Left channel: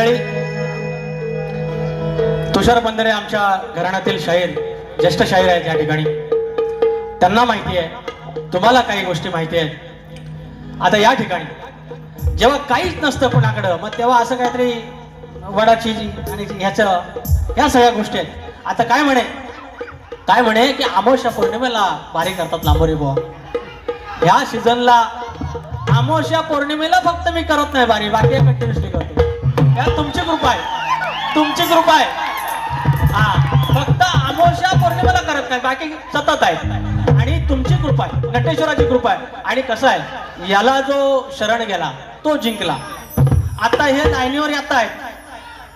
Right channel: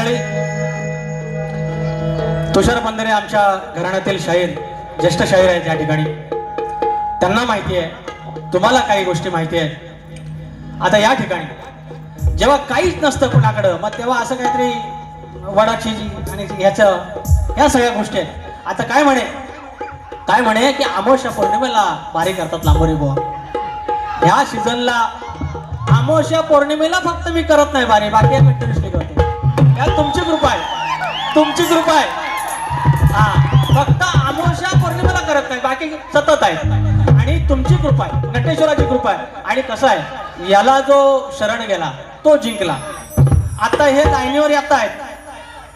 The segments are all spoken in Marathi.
मंडळी तुषार बंदरे आमच्या घराण्यातील शाहीर ज्येष्ठ शाहीर आहेत या ठिकाणी. त्यांना माहिती आहे तुम्हाला काही गोष्टी माहिती आहेत. आता या ठिकाणी जेव्हा काहीच नसतं कुणाकडं मग तेव्हा असं काहीतरी वडाची जी आणि ह्याचं ह्या सगळ्या गोष्टी आहेत. आता काय म्हणे? काय म्हणे की अमावस्या पौर्णिमेला बारी करतात लांबोरी बुवा. ह्या सीझनला अमावस्या पौर्णिमेला फक्त मी करत नाही बारी बाकी करतो तुमची कृपा आहे. तुमची कृपा आहे. हा फक्त अमोशा पौर्णिमेला करत नाही बाकी सतत आहे. आणि तुमची कृपा आहे नटेश्वराची कृपा आहे. आणि कसं आहे याला जो शरण गेला तो जिंकला. आता हे लाईनीवर येत आहेत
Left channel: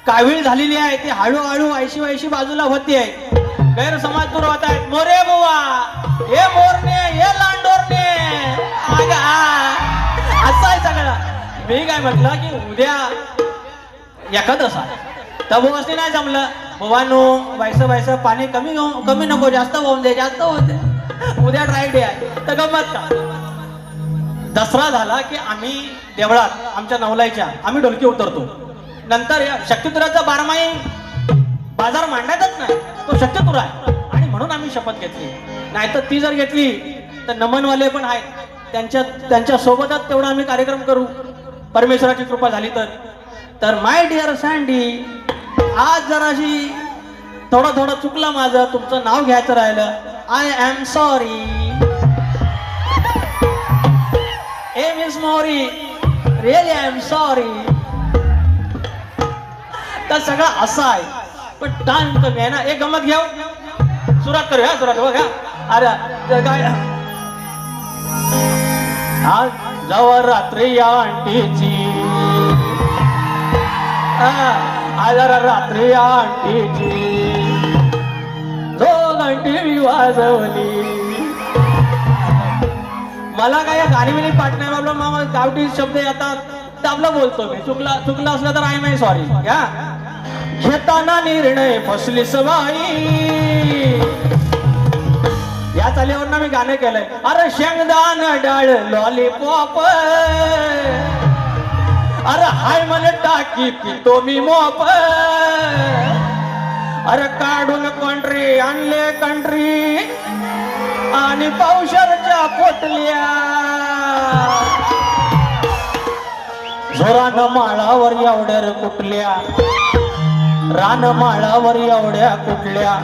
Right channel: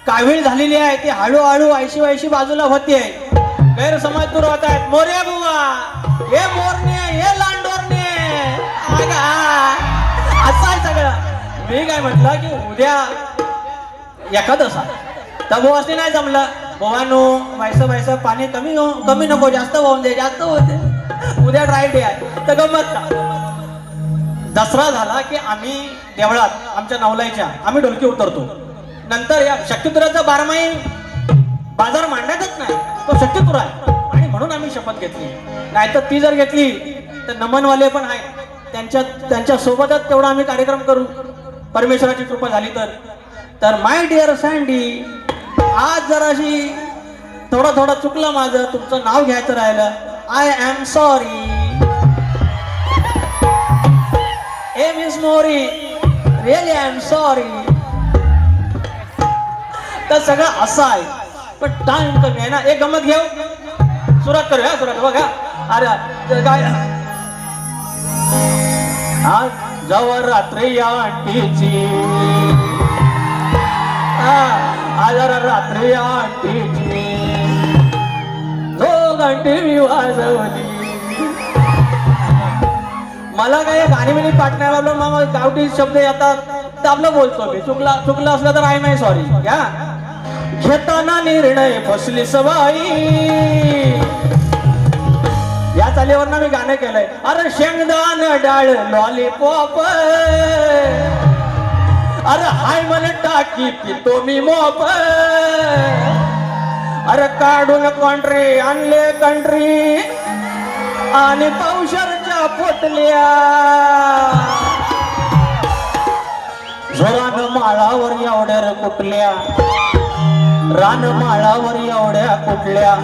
कावीळ झालेली आहे ती हळूहळू ऐशी वायशी बाजूला होते. गैरसमाज दूर होत आहेत. मोरे बुवा हे मोरने हे लांडोरने अगं, असं आहे सगळं. मी काय म्हटलं की उद्या एखादसा तर बुवासनी नाही जमलं. भवानो व्हायचं व्हायचं पाणी कमी हो- कमी नको जास्त वाहून दे जास्त होते उद्या ड्राय डे आहे. तर गमत का? दसरा झाला की आम्ही देवळात आमच्या नवलाईच्या आम्ही ढोलकी उतरतो. नंतर या शक्तिपुराचा बारमाही बाजार मांडण्यातच नाही. तो शक्तिपुरा आणि म्हणून आम्ही शपथ घेतली. नाहीतर ती जर घेतली तर नमनवाले पण आहेत. त्यांच्या त्यांच्या सोबतच तेवढा आम्ही कार्यक्रम करू. परमेश्वराची कृपा झाली तर. तर माय डिअर सँडी आज जराशी थोडं थोडं चुकलं माझं तुमचं नाव घ्यायचं राहिलं. I am sorry a miss Mori really I am sorry तर सगळं असं आहे. पण टाइम कमी आहे ना. एक गमत घेऊ? सुरुवात करूया सुरुवात बघा. अरे काय? आज जवळ रात्री या आंटीची. आजार रात्री या आंटीची जो मी वाजवली. मला काय गाणी पाठण्यावर म्हणलं मग गावठी शब्द येतात तर आपलं बोलतो मी. चुकला चुकलं असलं तर आहे नाही सॉरी हा घेताना निर्णय फसली सवाई. या चालीवरनं मी गाणं केलंय. अरे शेंगदान डाळ लॉलीपॉप अरे हाय मला टाकी पितो मी मोप अरे काढून कंट्री आणले कंट्री. आणि पावसाच्या पोटल्या. झोरानं माळावर एवढ्या र कुठल्या? रान माळावर एवढ्या कुठल्या?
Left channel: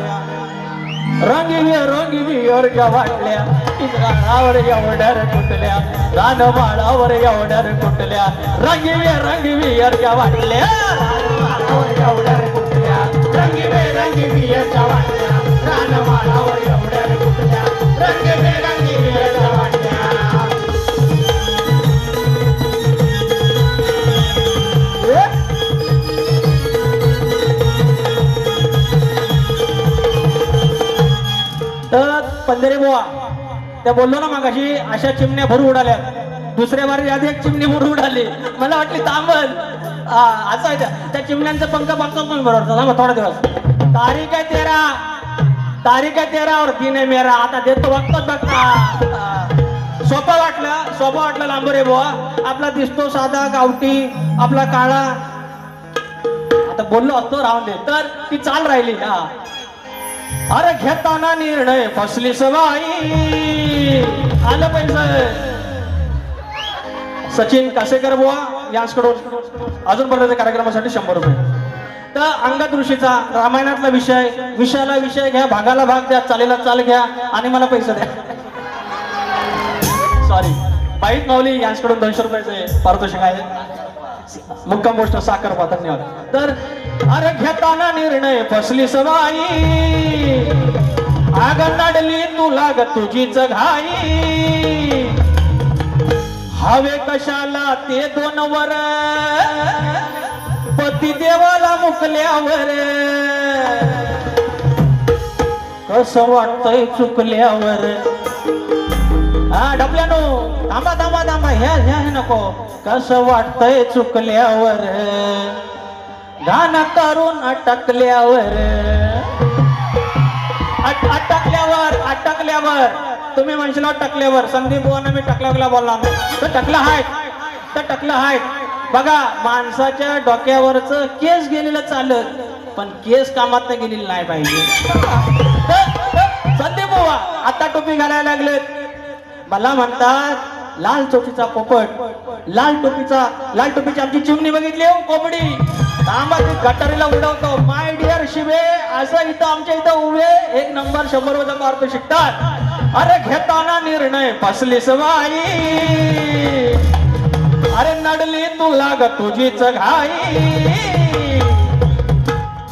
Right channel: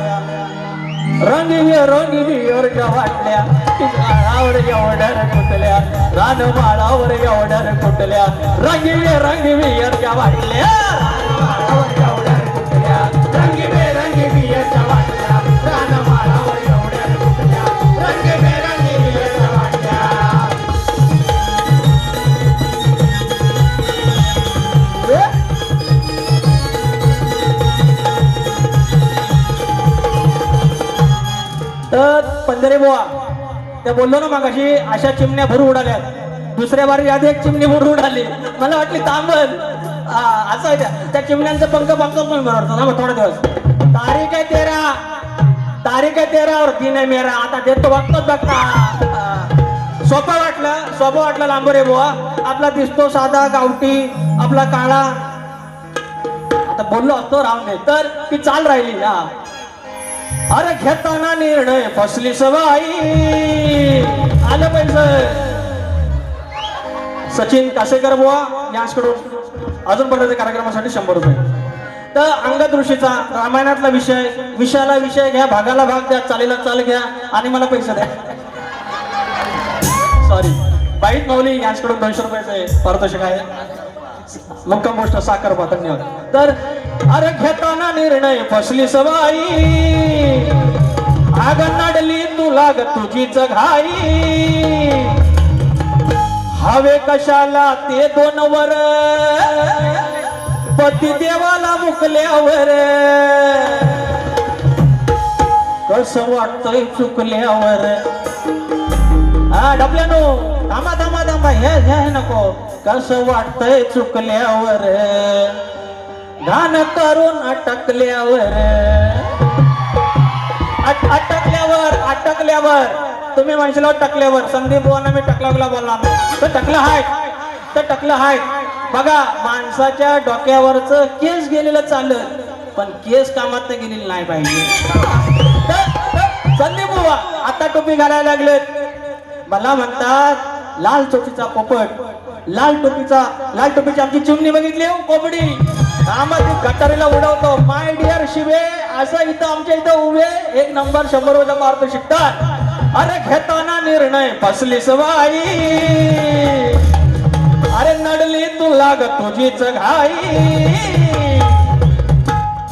रंगी रंगी विअरच्या वाटल्या रानावर एवढ्या कुठल्या? रान माळावर एवढ्या रे कुठल्या रंगी रंगी वाटल्या. रंगी रंगी विअरच्या वाटल्या रान रंगी वाटल्या. तर पंधरे बुवा त्या बोललो ना मग अशी अशा चिमण्या भरू उडाल्या दुसऱ्या बारी आधी एक चिमणी भरू आली. मला वाटली तांबल हा, असं आहे त्या. त्या चिमण्यांचं पंख बघतो तुम्ही बरोबर थांबा थोडा दिवस. तारीख आहे तेरा. तारीख आहे तेरावर दिन आहे मेरा. आता देतो बघतोच बघता सोपं वाटलं. सोपं वाटलं लांबरे बुवा. आपला दिसतो साधा गावठी आपला काळा. आता बोललो असतो राहून तर ती चाल राहिली. हा. अरे घेताना निर्णय फसली सवाई आलं पाहिजे सचिन कासेकर बुवा यांच्याकडून अजून पर्यंत कार्यक्रमासाठी शंभर रुपये. तर अंगद ऋषीचा रामायणातला विषय विषयाला विषय घ्या भागाला भाग द्या चालीला चाल घ्या आणि मला पैसे द्या. सॉरी बाईत माऊली यांच्याकडून दोनशे रुपयाचे पारितोषिक आहे. मुक्कम गोष्ट साखर पा धन्यवाद. तर अरे घेताना निर्णय फसली सवाई आग नडली तुला लाग तुझीच घाई. हवे कशाला ते दोन वर? पती देवाला मुकल्यावर. कस वाटतंय चुकल्यावर? हा डबल्यानो थांबा थांबा थांबा ह्या ह्या नको. कसं वाटतंय चुकल्यावर? गाणं करून अटकल्यावर. अटकल्यावर अटकल्यावर. तुम्ही म्हणशील टकल्यावर संदीप बुवांना मी टकल्याला बोलणार तर टकलं आहेत तर टकलं आहेत बघा माणसाच्या डोक्यावरच केस गेलेलं चालत पण केस कामात गेलेली नाही पाहिजे. संदीप बुवा आता टोपी घालायला लागलेत. मला म्हणतात लाल टोपीचा पोपट लाल टोपीचा लाल टोपीची आमची चिमणी बघितली हो कोंबडी. कामात गटारीला उडवतो. माय डिअर शिवे असं इथं आमच्या इथं उभे एक नंबर शंभर वजा मार्क शिकतात अरे घेताना निर्णय फसलीस सवाई अरे नडली तुला ग तुझीच घाई.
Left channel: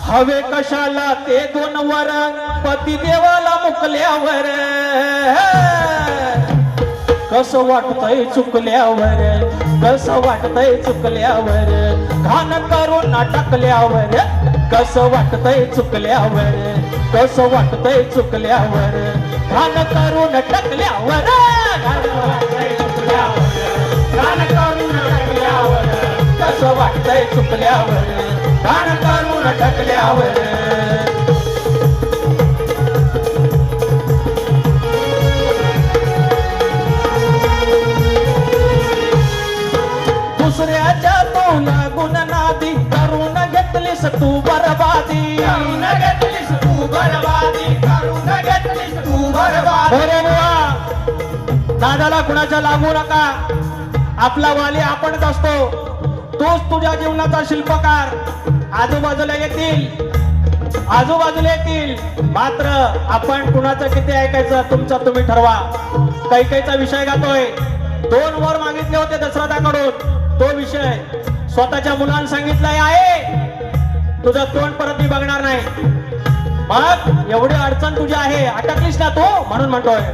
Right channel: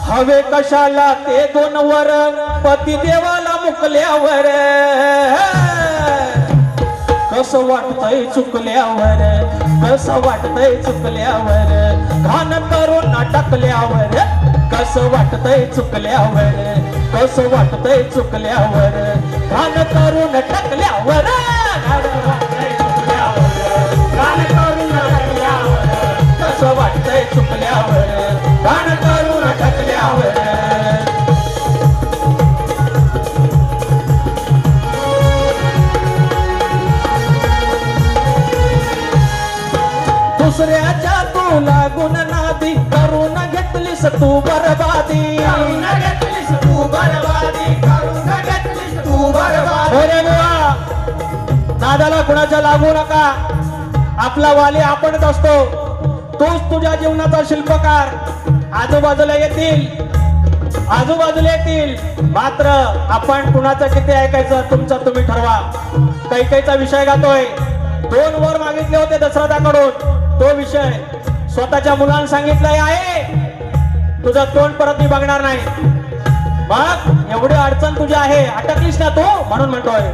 हवे कशाला ते दोन वर? पती देवाला मुकल्यावर. कस वाटतय चुकल्यावर? कस वाटतय चुकल्यावर? घाण करून नाटकल्यावर कस वाटतय चुकल्यावर? कस वाटतय चुकल्यावर? घाण करून टाकल्यावर घाण चुकल्यावर, करून टाकल्यावर कसं वाटतंय चुकल्यावर घाण करून दादाला अरे कुणाच्या लागू नका. आपला वाले आपणच असतो. तोच तुझ्या जीवनाचा शिल्पकार. आजूबाजूला येतील. आजूबाजूला येतील. मात्र आपण कुणाचं किती ऐकायचं तुमचा तुम्ही ठरवा. कैकेचा विषय गातोय. दोन वर मागितले होते दशरथाकडून. तो विषय स्वतःच्या मुलांना सांगितलंय आहे. तुझा तोंड परत मी बघणार नाही. मग एवढी अडचण तुझी आहे. अटकलीस ना तू म्हणून म्हणतोय.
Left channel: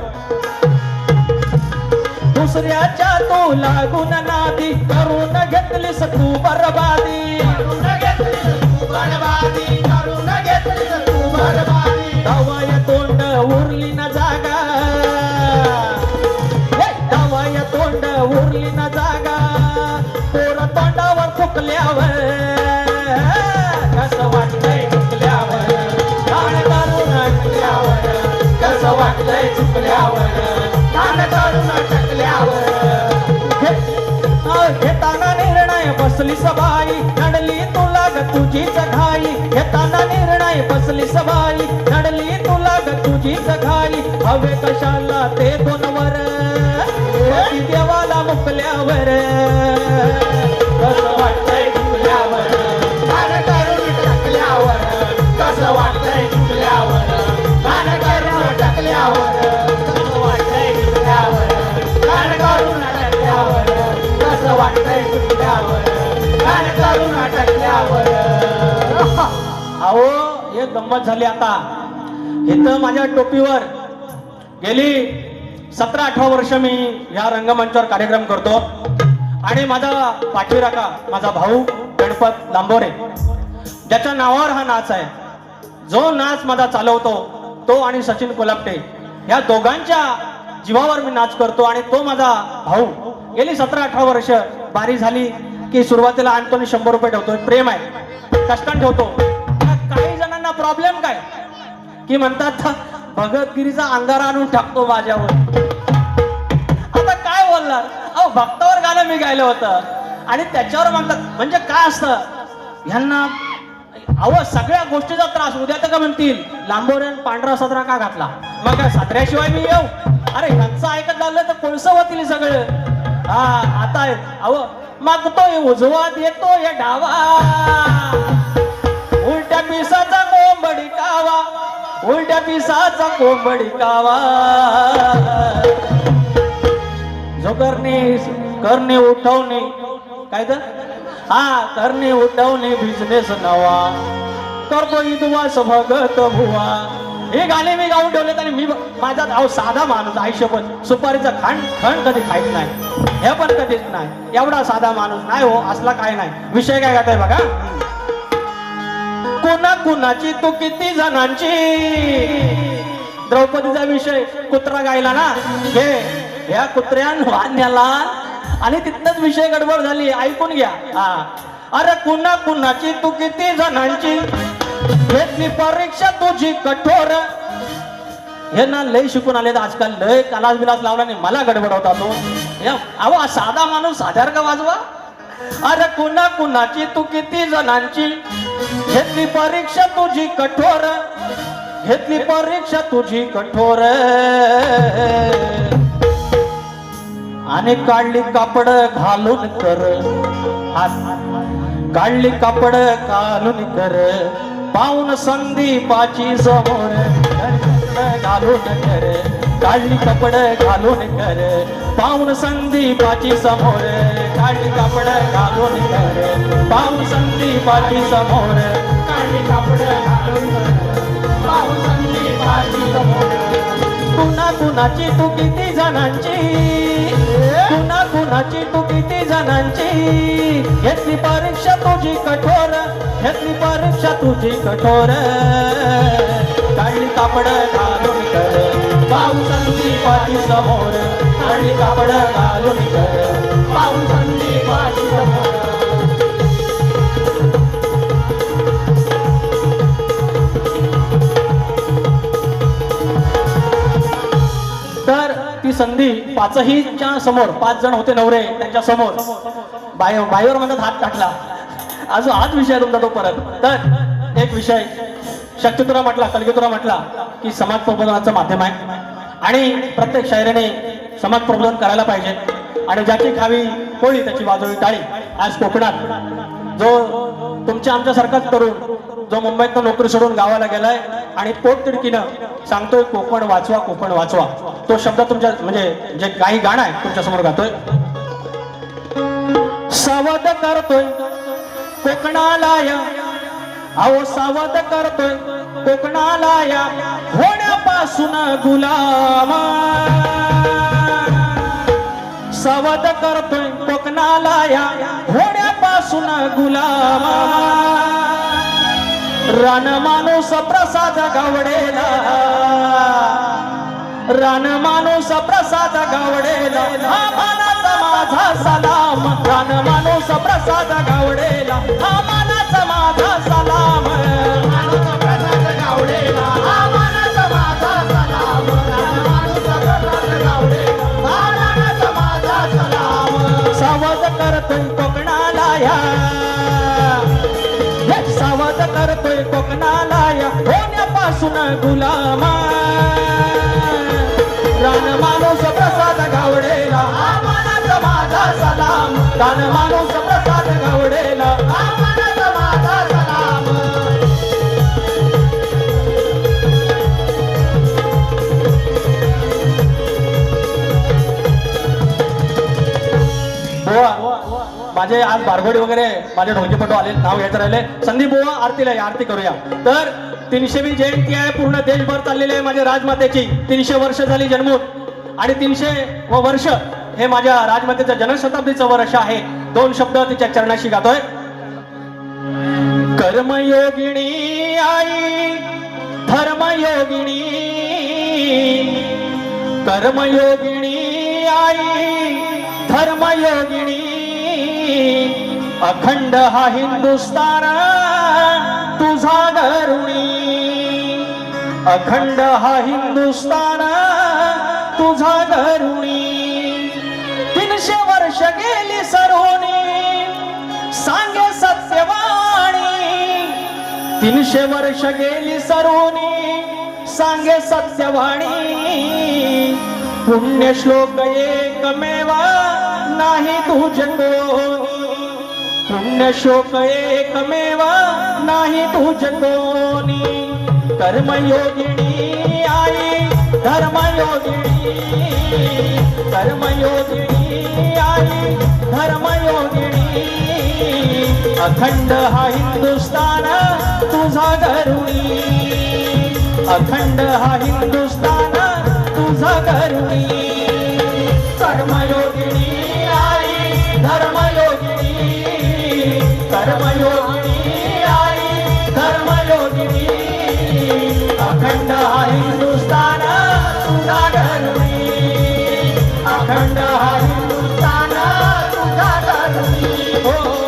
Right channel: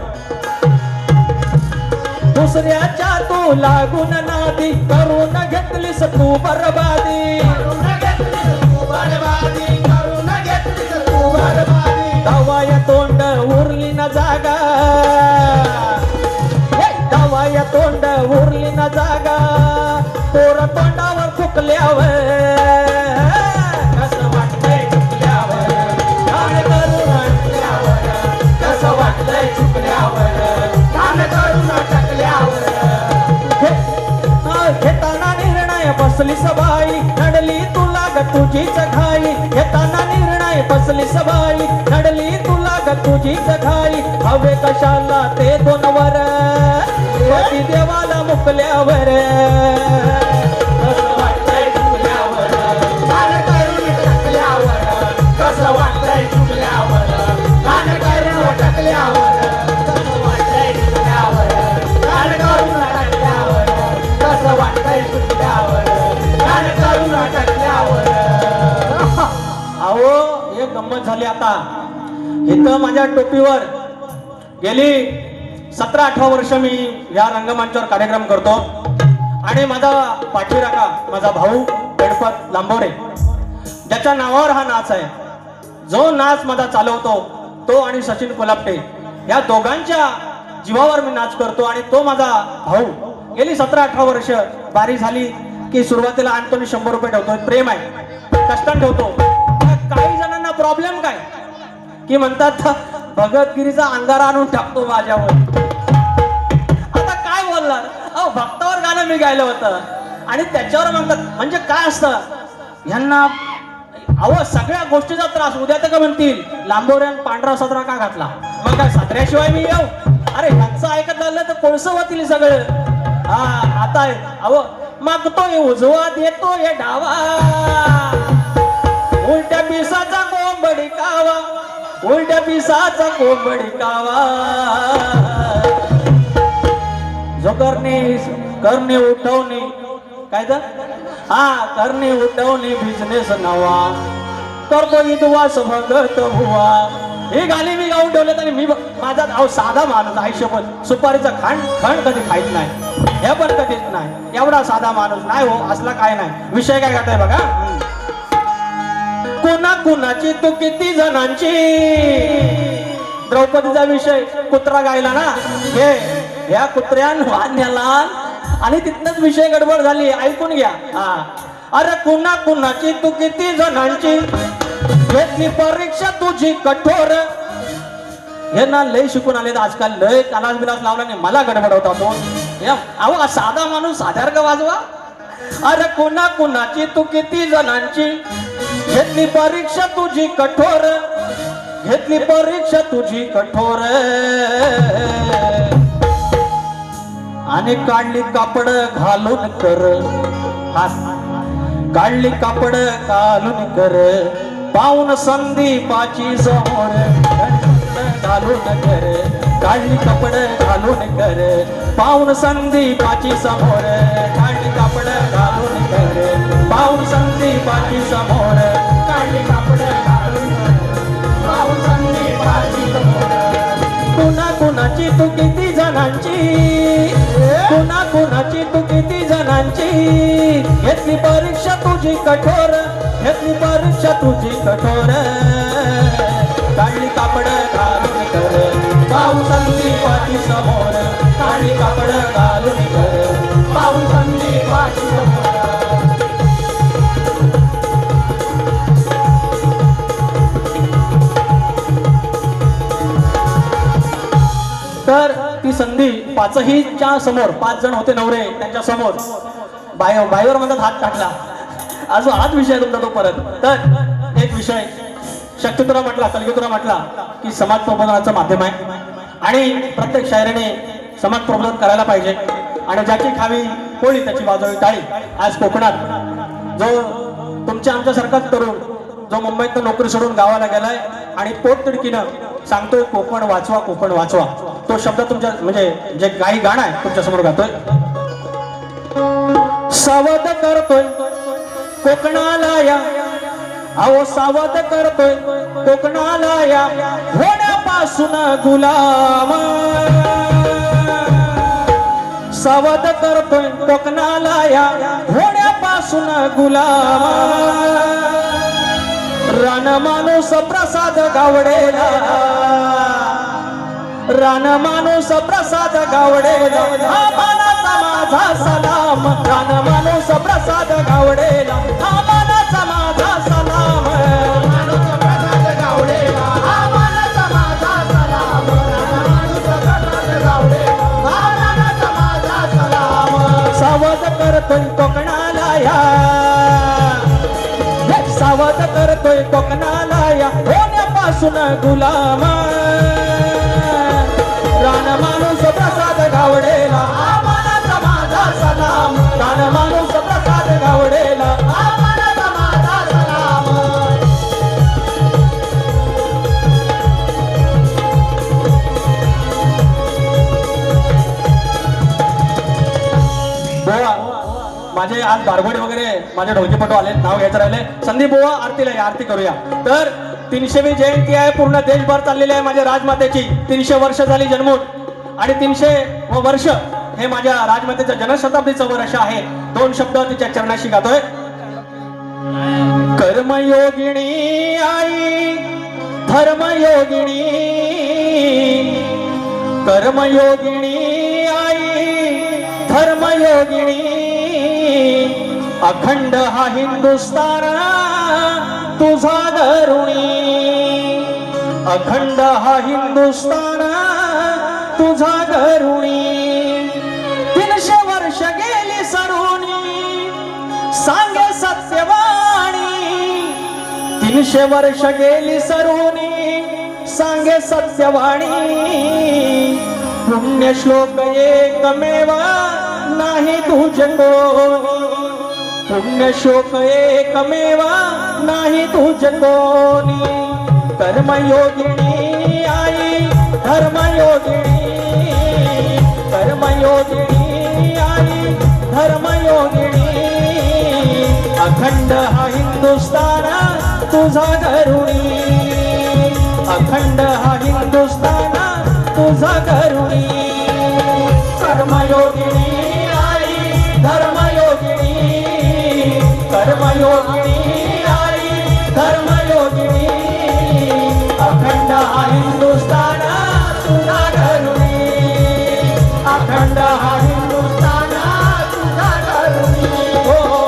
दुसऱ्याच्या तू लागून नादी करून घेतलीस तू बरबादी. बसली सबाळी घडली तुला ग तुझीच घाई घेताना निर्णय बसली सबाळी घडली तुला ग तुझीच घाई हवे कशाला ते दोन वर देवाला मुकल्यावर? झाली आता. इथं माझ्या टोपीवर गेली सतरा अठरा वर्ष मी या रंगमंचावर कार्यक्रम करतो. आणि माझा पाठीराखा माझा भाऊ गणपत लांबोरे ज्याच्या नावावर हा नाच आहे. जो नाच माझा चालवतो तो आणि सचिन कोलापटे या दोघांच्या जीवावर मी नाच करतो आणि तो माझा भाऊ. गेली सतरा अठरा वर्ष बारी झाली की सुरुवातीला आणतो मी शंभर रुपये ठेवतो प्रेम आहे. कष्ट ठेवतो. प्रॉब्लेम काय? की म्हणतात भगतगिरीचा अंगार आणून टाकतो माझ्यावर. आता काय बोलणार? अहो भक्तावर गाणं मी गायलं होतं. आणि त्याच्यावर म्हणतात म्हणजे काय असतं? ह्यांना अहो सगळ्या गोष्टीचा त्रास. उद्या तर का म्हणतील लांबोड्यान पांढरा सदरा का घातला? मग काय सदऱ्याशिवाय मी येऊ? अरे ह्यांचं ऐकत आलं तर कोणसं होतील सगळं. हा आता अहो मागतोय उजवा देतोय डावा. उलट्या पिसाचा कोंबडी कावा उलट्या पिसाचा कोंबडी कावा. जो करणे करणे उठवणे काय तर? हा करणे उठवणे बिझनेस नवा. करतो विद्वास भगत भुवा हे गाणे मी गाऊन ठेवलेत आणि मी माझा अहो साधा माणूस आयुष्यभर सुपारीचं खांड खंड कधी खाईत नाही. हे पण कधीच नाही. एवढा साधा माणूस. नाही हो असला काय नाही. विषय काय करताय बघा? कुणा कुणाची तू किती जणांची? द्रौपदीचा विषय कुत्रा गायला ना? हे या कुत्र्यान वाढण्याला आणि तिथनच विषय गडबड झाली. ऐकून घ्या. हा. अरे कुणा कुणाची तू किती जणांची? घेतली परीक्षा तुझी कठोर. हे ना लय शिकून आले आजकाल. लय कलास बिलास लावला नाही मला गडबड होता तो या. अहो साधा माणूस साधार का वाजवा. अरे कुणा कुणाची तू किती जणांची? घेतली परीक्षा तुझी कठोर. घेतली परीक्षा तुझी कठोर. आणि काढली कापड घालून कर. काढली कापड घालून कर. पाऊन संदीपाची समोर. घालून कर. काढली कपड घालून कर. पाऊन संदीपाची समोर. घालून कर पाऊन संदीपाची समोर काढली घालून समोर कुणा कुणाची तू किती जणांची? कुणा कुणाची तू किती जणांची? घेतली परीक्षा तुझी कठोर घेतली परीक्षा तुझी कठोर. काळी कापड घालून कर पाऊसांची पाठी समोर. काळी कापड घालून कर पाऊस संधी पाचही च्या समोर पाच जण होते नवरे त्यांच्यासमोर. बायो बायोवर मग हात टाकला. अजून हाच विषय तुमचा तो परत. तर एक विषय. शक्यतुरा म्हटला कलगीतुरा म्हटला की समाज प्रबोधनाचं माध्यम आहे. आणि प्रत्येक शायरीने समाज प्रबोधन करायला पाहिजे. आणि ज्याची खावी होळी त्याची वाजवी टाळी आज कोकणात. जो तुमच्या आमच्यासारखाच तरुण जो मुंबईत नोकरी सोडून गावाला गेलाय आणि पोटतिडकीनं सांगतोय कोकण वाचवा कोकण वाचवा. तो शब्द तुमच्या म्हणजे जे काही गाणं आहे तुमच्यासमोर गातोय. सावध करतोय कोकणाला या अहो सावध करतोय कोकणाला या होण्यापासून गुलाम. सावध करतोय कोकणाला या होण्यापासून गुलाम. रान माणूस प्रसाद गावडेला. रान माणूस प्रसाद गावडेला. माझा सलाम. रान माणूस प्रसाद गावडेला. बारबडी वगैरे माझे ढोलकीपटू आले नाव घ्यायचं राहिले. संदीप बोवा आरतीला या, आरती करूया. तर तीनशेवी जयंती आहे पूर्ण देशभर चाललेली आहे माझ्या राजमातेची. तीनशे वर्ष झाली जन्मून. आणि तीनशे व वर्ष हे माझ्या राजमातेच्या जनशताब्दीचं वर्ष आहे. दोन शब्द तिच्या चरणाशी गातोय. कर्मयोगिणी आई धर्मयोगिणी कर्मयोगिणी आई धर्मयोगिणी अखंड हा हिंदुस्तान तुझा धरुणी अखंड हा हिंदुस्तान तुझा धरुणी तीनशे वर्ष गेली सरोनी सांगे सत्यवाणी. तीनशे वर्ष गेली सरुनी सांगे सत्यवाणी. पुण्य श्लोक एकमेवा नाही तुझे को पुण्य एकमेवा नाही तुझ कोणी. कर्मयोगिनी आई धर्मयोगिनी. कर्मयोगिनी आई धर्मयोगिनी. अखंड हा हिंदुस्तान तुझा करुणी अखंड हा हिंदुस्तान तुझा करुणी कर्मयोगिनी आई धर्मयोगिनी अखंड हिंदुस्तान तुझा धरुणी अखंड हिंदुस्तान तुझा धरुणी हो, हो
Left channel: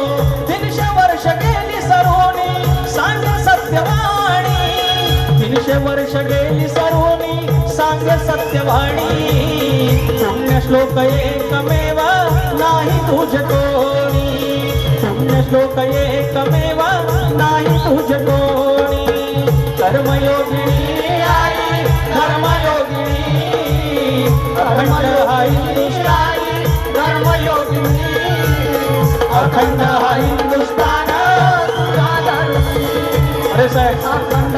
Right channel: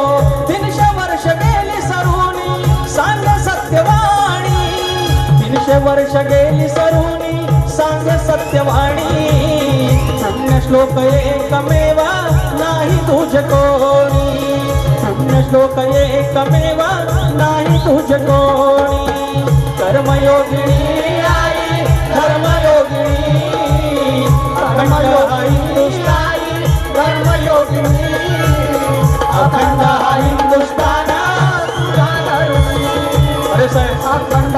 तीनशे वर्ष गेली सांग सत्यवाणी. तीनशे वर्ष गेली सरोनी सांग सत्यवाणी. पुण्य श्लोक एकमेव श्लोक एकमेव नाही तुझ कोणी. कर्मयोगिनी आई धर्मयोगिनी। अखंड हा हिंदुस्तान अखंड हिंदुस्तान अखंड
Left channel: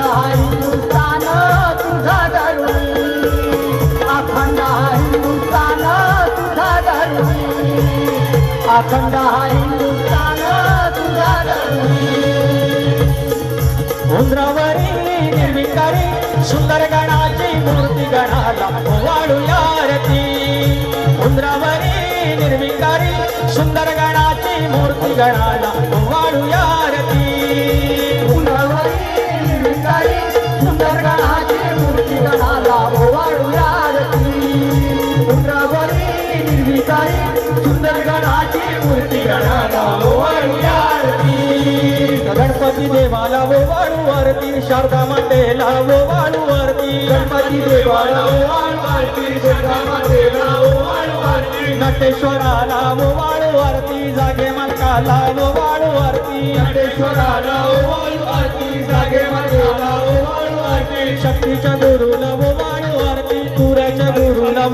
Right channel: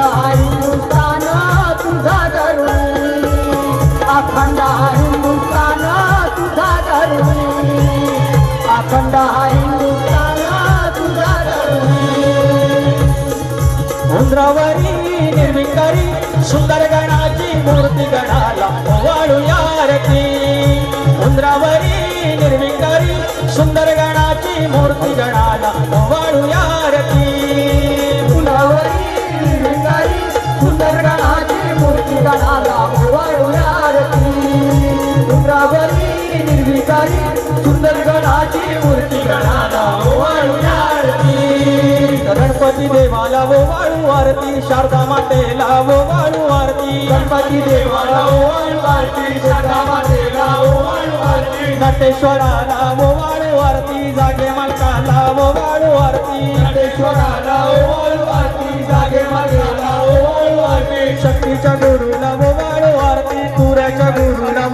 तुझा धर्मी। अखंड हिंदुस्तान गणपती देवाला वो वाळू आरती शारदा मातेला वो वाळू आरती गणपती देवाला ओवाळू आरती दुर्गा मातेला ओवाळू आरती नटेश्वराला वो वाळू आरती जागे मालकाला वो वाळू आरती नटेश्वराला ओवाळू आरती जागे मातेला ओवाळू आरती शक्तीच्या गुरुला वो वाळू आरती तुऱ्याच्या गुरुला